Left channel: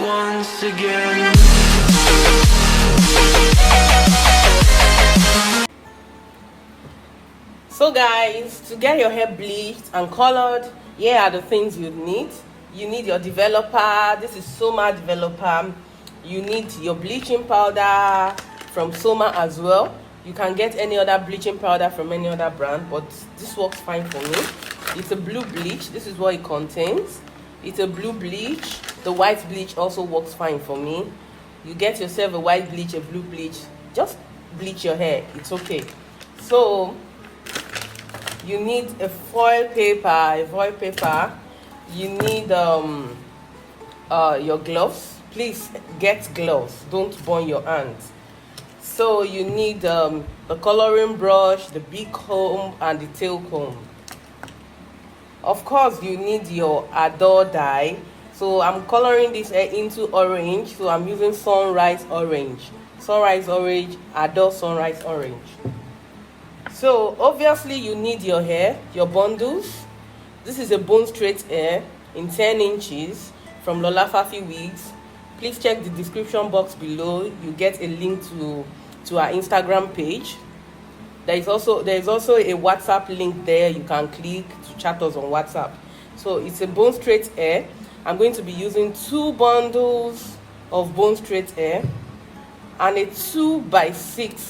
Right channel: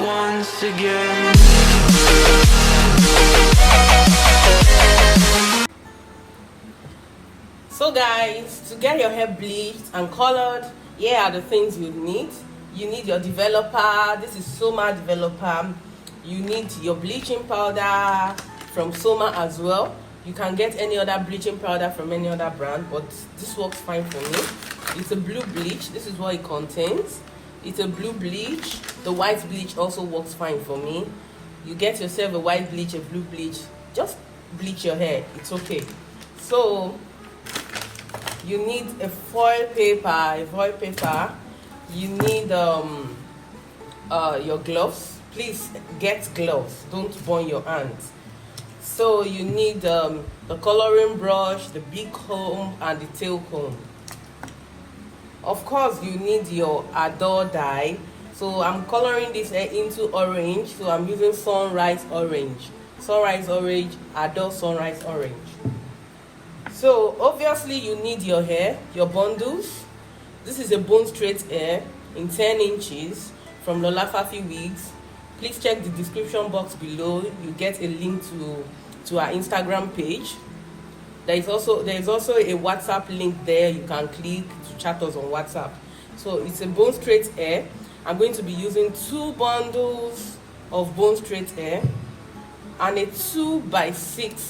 once again. So guys, to get your hair bleached and colored, here are the things you need. You need your developer. This is Soma developer. You need your bleaching powder from Soma as well. You can get any other bleaching powder from any other brand, but this works fine for me. It's a blue bleach. This is what it contains. It's a blue bleach. The white bleach also works fine for me. You get yourself a white bleach, a blue bleach. Just bleach your hair. It's okay. So you need a foil paper. You need your gloves. Please get gloves. Don't burn your hands. So you need the coloring brush, the big comb, and the tail comb. Of course, you need your Adore dye. So I'm coloring this hair into orange. So I'm using Sunrise Orange. Sunrise Orange, Adore Sunrise Orange. So obviously you need your hair, your bundles. This is a bone straight hair in 10 inches from Lola Fafi Wigs. Please check the description box below. You get a link to our Instagram page. There is also a WhatsApp link there. You can click to chat us on WhatsApp. So it's a bone straight hair. I'm going to be using 2 bundles of bone straight hair and a 2x6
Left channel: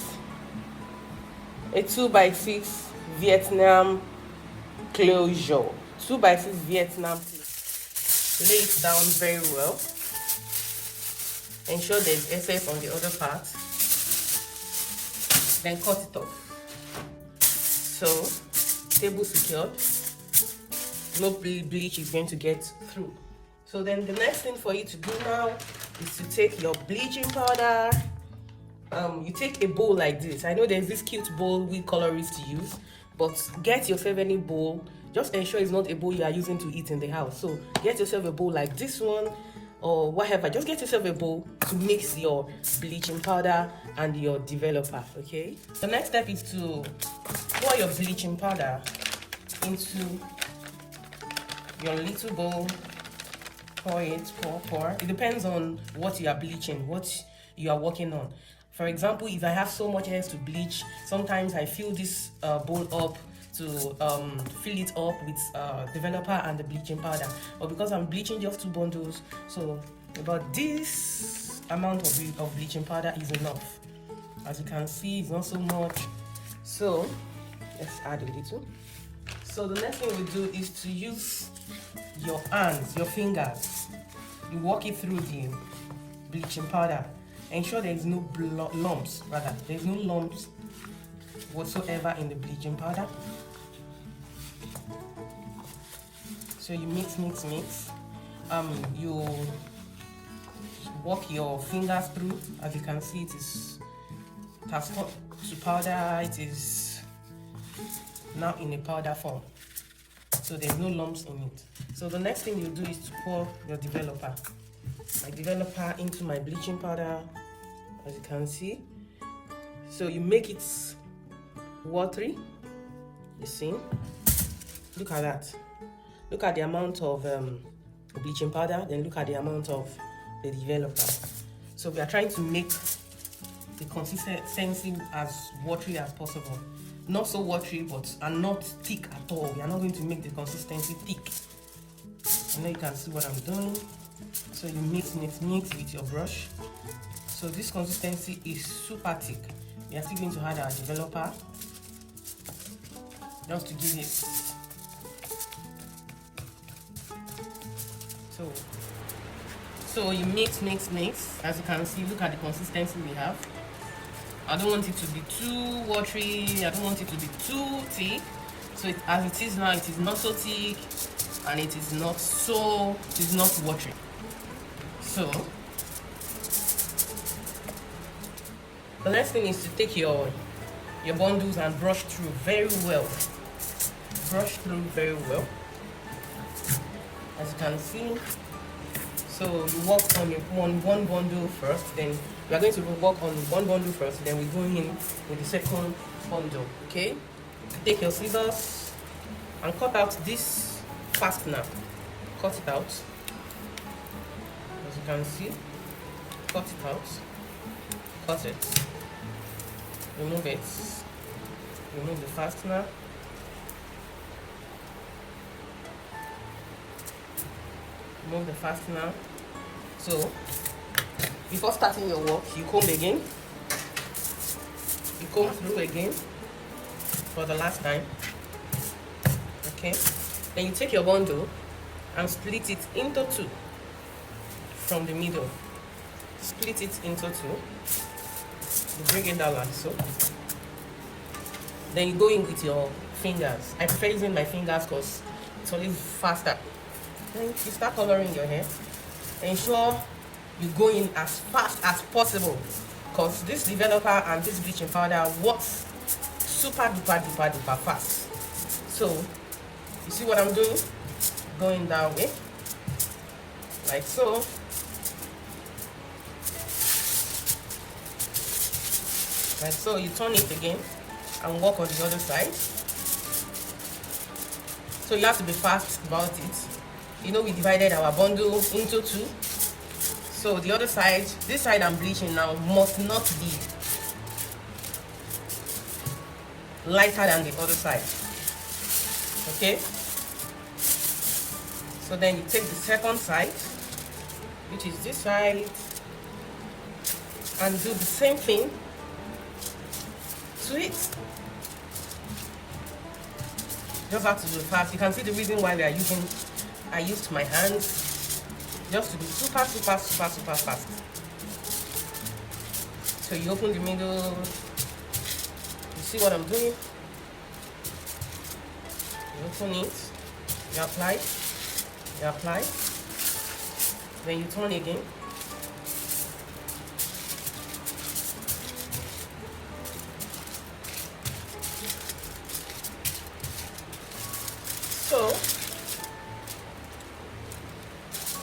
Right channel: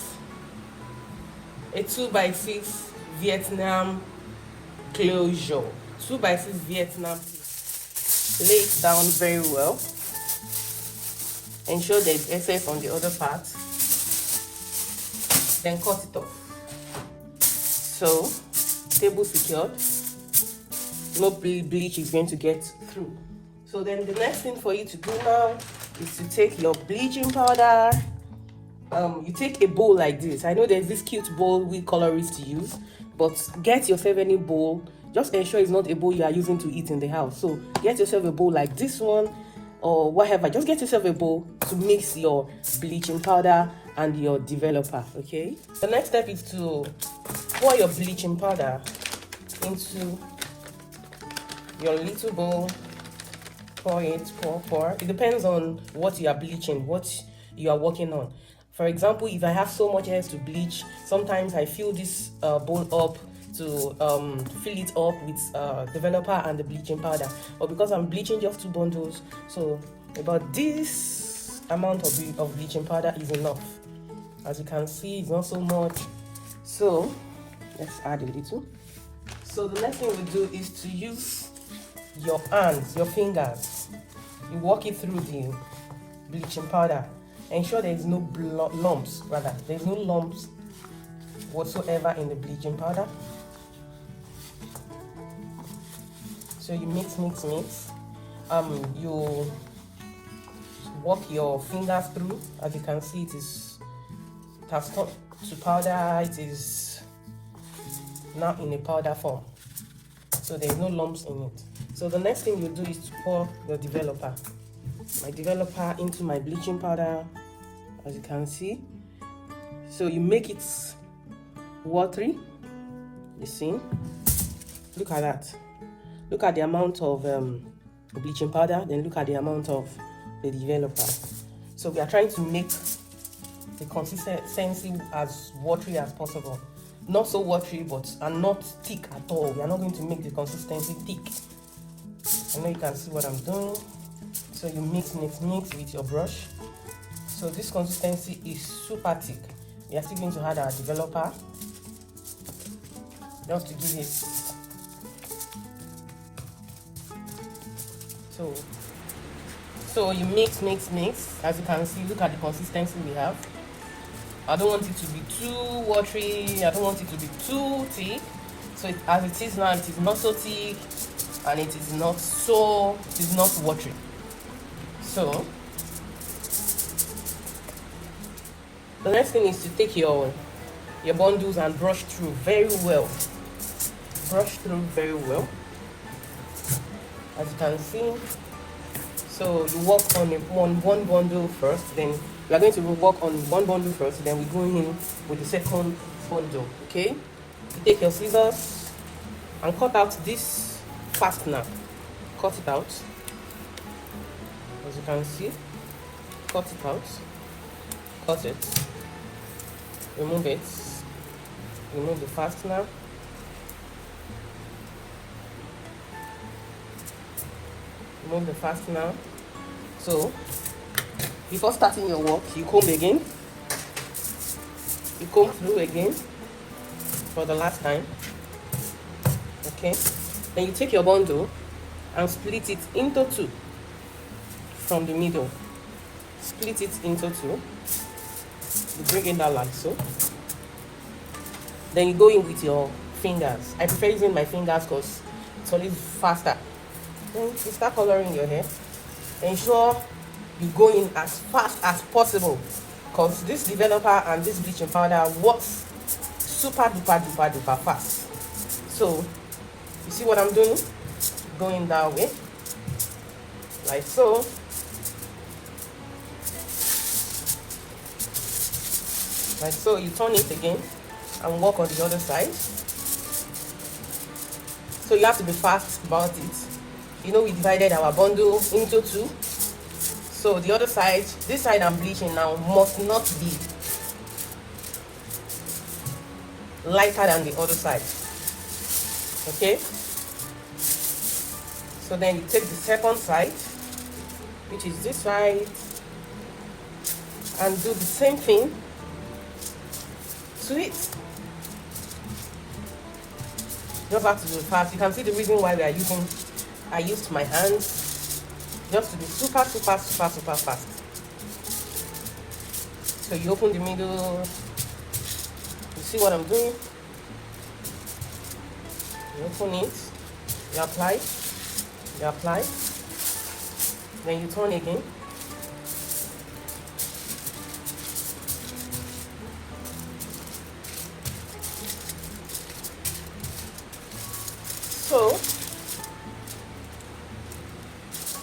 Vietnam closure. 2x6 Vietnam. Lay it down very well. Ensure there's SF on the other part. Then cut it off. So, table secured. No bleach is going to get through. So then the next thing for you to do now is to take your bleaching powder. You take a bowl like this. I know there's this cute bowl we colorists use, but get yourself any bowl. Just ensure it's not a bowl you are using to eat in the house. So get yourself a bowl like this one or whatever. Just get yourself a bowl to mix your bleaching powder and your developer, okay? The next step is to pour your bleaching powder into your little bowl. Pour it, pour. It depends on what you are bleaching, what you are working on. For example, if I have so much hair to bleach, sometimes I fill this bowl up to fill it up with developer and the bleaching powder. But because I'm bleaching just 2 bundles, so about this amount of bleaching powder is enough. As you can see, it's not so much. So let's add a little. So the next thing we do is to use your hands, your fingers. You walk it through the bleaching powder. Ensure there is no lumps, rather. There's no lumps whatsoever in the bleaching powder. So you mix. You walk your fingers through. As you can see, it has turned to powder. It is now in a powder form. So there's no lumps in it. So the next thing you do is to pour your developer. My developer into my bleaching powder, as you can see. So you make it watery. You see? Look at that. Look at the amount of bleaching powder, then look at the amount of the developer. So we are trying to make the consistency as watery as possible. Not so watery, and not thick at all. We are not going to make the consistency thick. I know you can see what I'm doing. So you mix with your brush. So this consistency is super thick. We are still going to add our developer just to give it. So you mix. As you can see, look at the consistency we have. I don't want it to be too watery. I don't want it to be too thick. So as it is now, it is not so thick, and it is not watery. So the next thing is to take your bundles and brush through very well. As you can see. So you work on one bundle first, then we are going to work on one bundle first, then we go in with the second bundle. Okay? Take your scissors and cut out this fastener. Cut it out. As you can see, cut it out, cut it, remove it, remove the fastener, remove the fastener. So before starting your work, you comb again, you comb through again for the last time. Okay, then you take your bundle and split it into two from the middle. Split it into two. You bring in that like so. Then you go in with your fingers. I prefer using my fingers because it's always faster. Then you start coloring your hair. Ensure you go in as fast as possible because this developer and this bleaching powder works super duper fast. So you see what I'm doing? Going that way, like so. Like so, you turn it again and work on the other side. So you have to be fast about it. You know, we divided our bundle into two. So the other side, this side I'm bleaching now, must not be lighter than the other side. Okay? So then you take the second side, which is this side, and do the same thing to it. Just have to do it fast. You can see the reason why I used my hands, just to be super fast. So you open the middle, you see what I'm doing? You open it, you apply, then you turn again. So,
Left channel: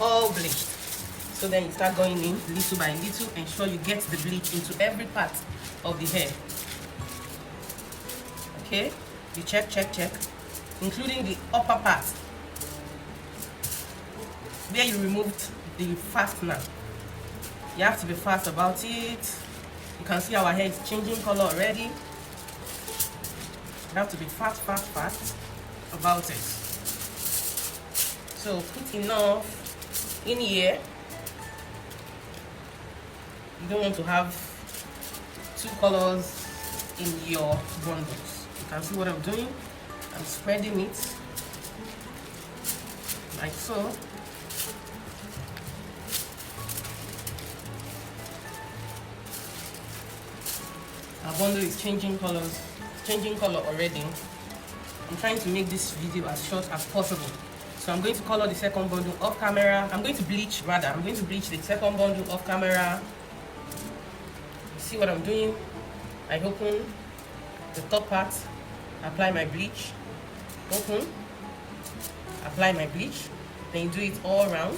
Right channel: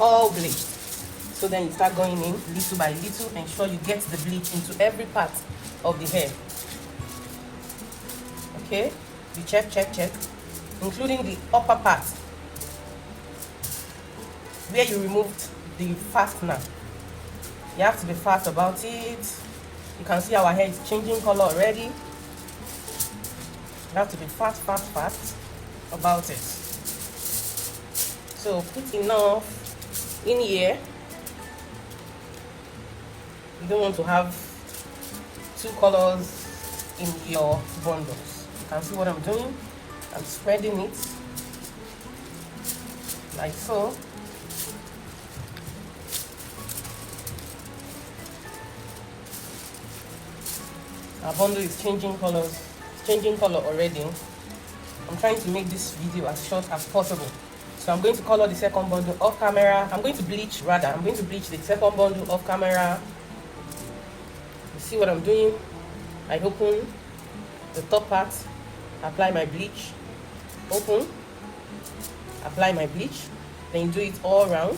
all bleached. So then you start going in little by little, ensure you get the bleach into every part of the hair. Okay, you check, including the upper part where you removed the fastener. You have to be fast about it. You can see our hair is changing color already. You have to be fast about it. So put enough in here. You don't want to have two colors in your bundles. You can see what I'm doing. I'm spreading it like so. Our bundle is changing color already. I'm trying to make this video as short as possible. So I'm going to color the second bundle off camera. I'm going to bleach the second bundle off camera. You see what I'm doing? I open the top part, apply my bleach, open, apply my bleach, then you do it all around.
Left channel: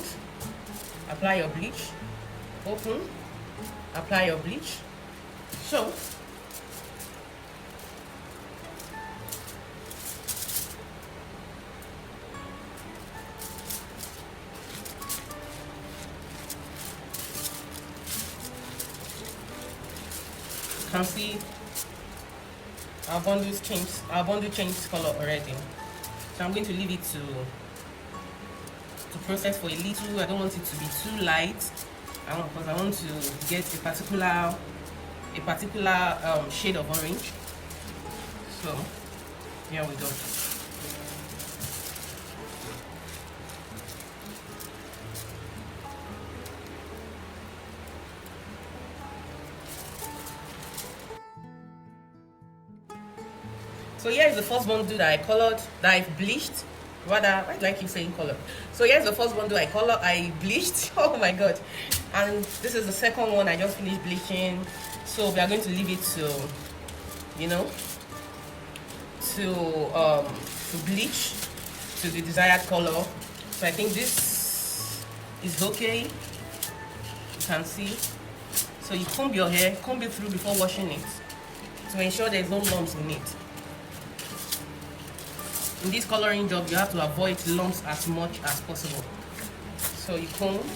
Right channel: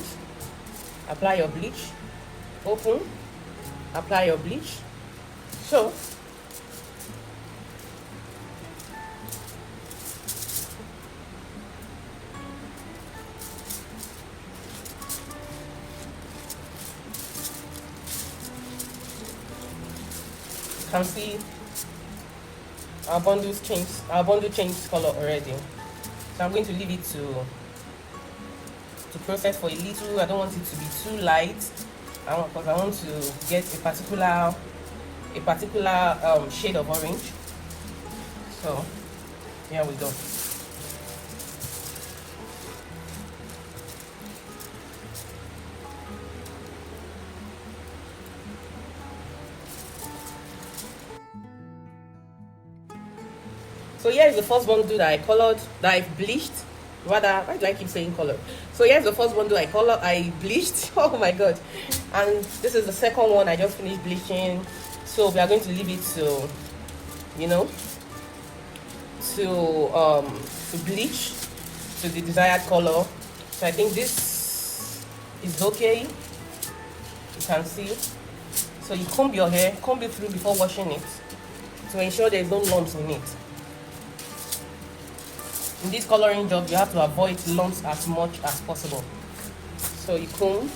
Apply your bleach, open, apply your bleach. So you can see our bundle changed color already. So I'm going to leave it to process for a little. I don't want it to be too light because I want to get a particular shade of orange. So here we go. So here's the first bundle that I colored, that I bleached. Rather, why do I keep saying color? So here's the first bundle I bleached. Oh my god. And this is the second one I just finished bleaching. So we are going to leave it to, to bleach to the desired color. So I think this is okay. You can see. So you comb your hair, comb it through before washing it to ensure there's no lumps in it. In this coloring job, you have to avoid lumps as much as possible. So you comb,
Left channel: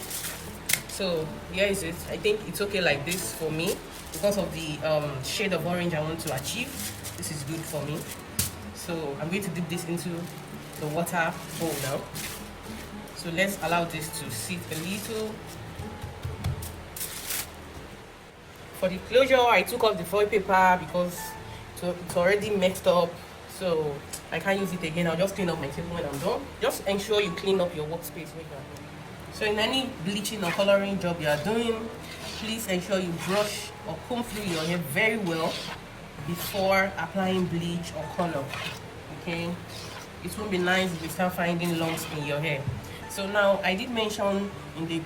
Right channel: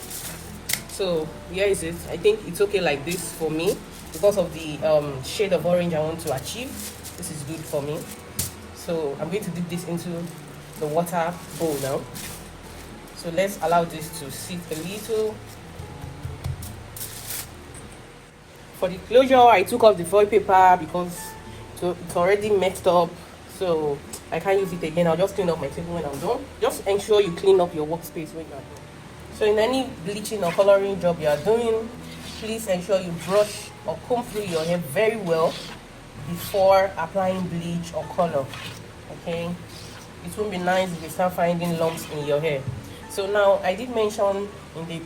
So here is it. I think it's okay like this for me because of the shade of orange I want to achieve. This is good for me. So I'm going to dip this into the water bowl now. So let's allow this to sit a little. For the closure, I took off the foil paper because it's already messed up. So I can't use it again. I'll just clean up my table when I'm done. Just ensure you clean up your workspace when you're done. So in any bleaching or coloring job you are doing, please ensure you brush or comb through your hair very well before applying bleach or color. Okay, it won't be nice if you start finding lumps in your hair. So now I did mention in the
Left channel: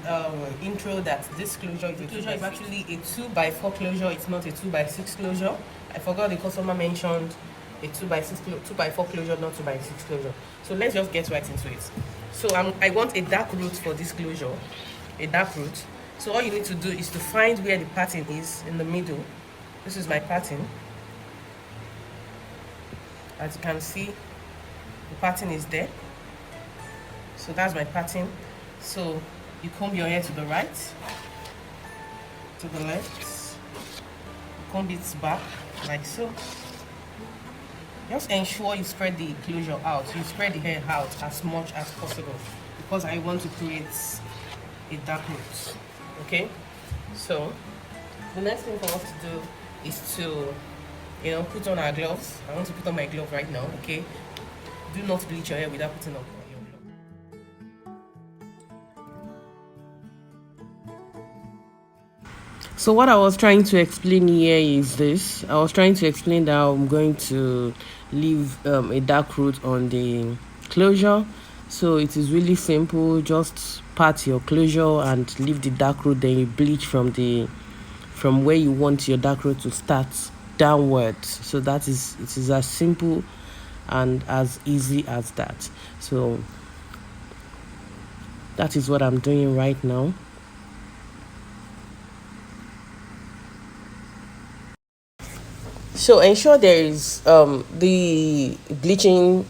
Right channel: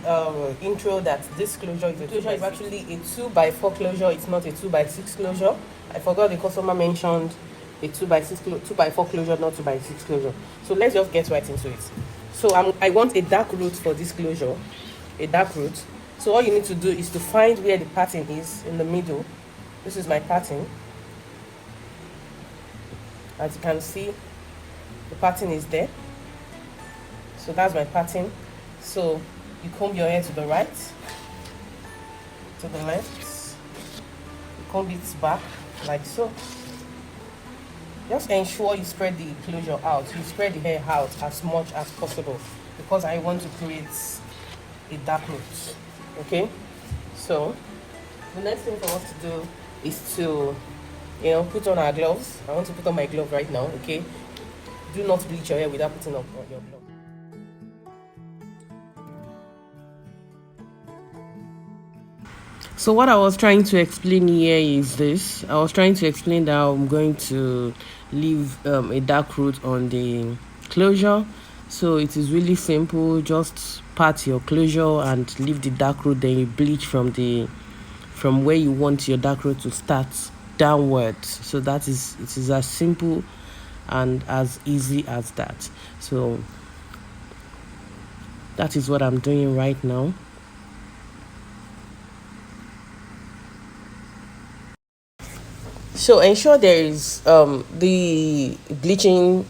intro that this closure is actually a 2x4 closure. It's not a 2x6 closure. I forgot the customer mentioned a 2x4 closure, not 2x6 closure. So let's just get right into it. So I want a dark root for this closure, a dark root. So all you need to do is to find where the pattern is in the middle. This is my pattern. As you can see, the pattern is there. So that's my pattern. So you comb your hair to the right, to the left, you comb it back like so. Just ensure you spread the closure out. You spread the hair out as much as possible because I want to create a dark root. Okay, so the next thing for us to do is to put on our gloves. I want to put on my glove right now. Okay, do not bleach your hair without putting on your glove. So what I was trying to explain here is this. I was trying to explain that I'm going to leave a dark root on the closure. So it is really simple. Just pat your closure and leave the dark root. Then you bleach from where you want your dark root to start downwards. So it is as simple and as easy as that. So that is what I'm doing right now. So ensure there is the bleaching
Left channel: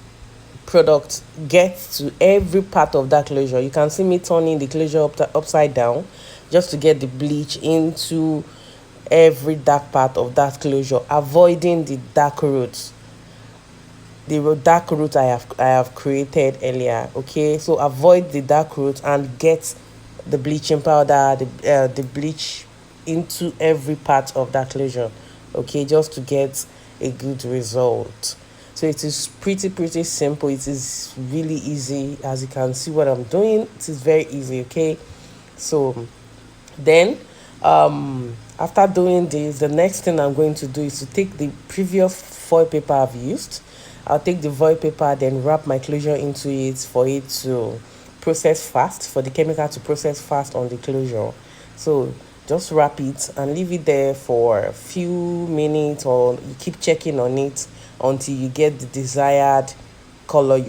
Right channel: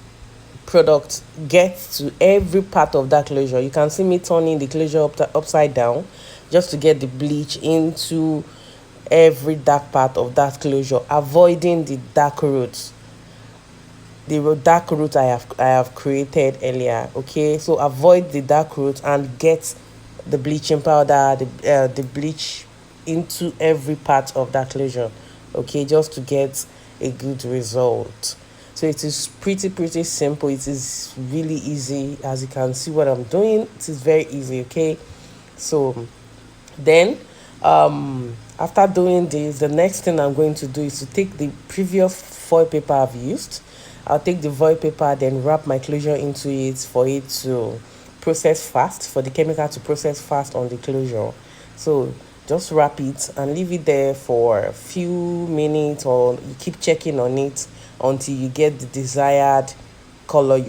product gets to every part of that closure. You can see me turning the closure upside down just to get the bleach into every dark part of that closure, avoiding the dark roots. The dark root I have created earlier. Okay, so avoid the dark root and get the bleaching powder, the bleach into every part of that closure. Okay, just to get a good result. So it is pretty simple. It is really easy. As you can see what I'm doing, it is very easy. Okay, so then after doing this, the next thing I'm going to do is to take the previous foil paper I've used. I'll take the foil paper, then wrap my closure into it for it to process fast, for the chemical to process fast on the closure. So just wrap it and leave it there for a few minutes, or you keep checking on it until you get the desired color you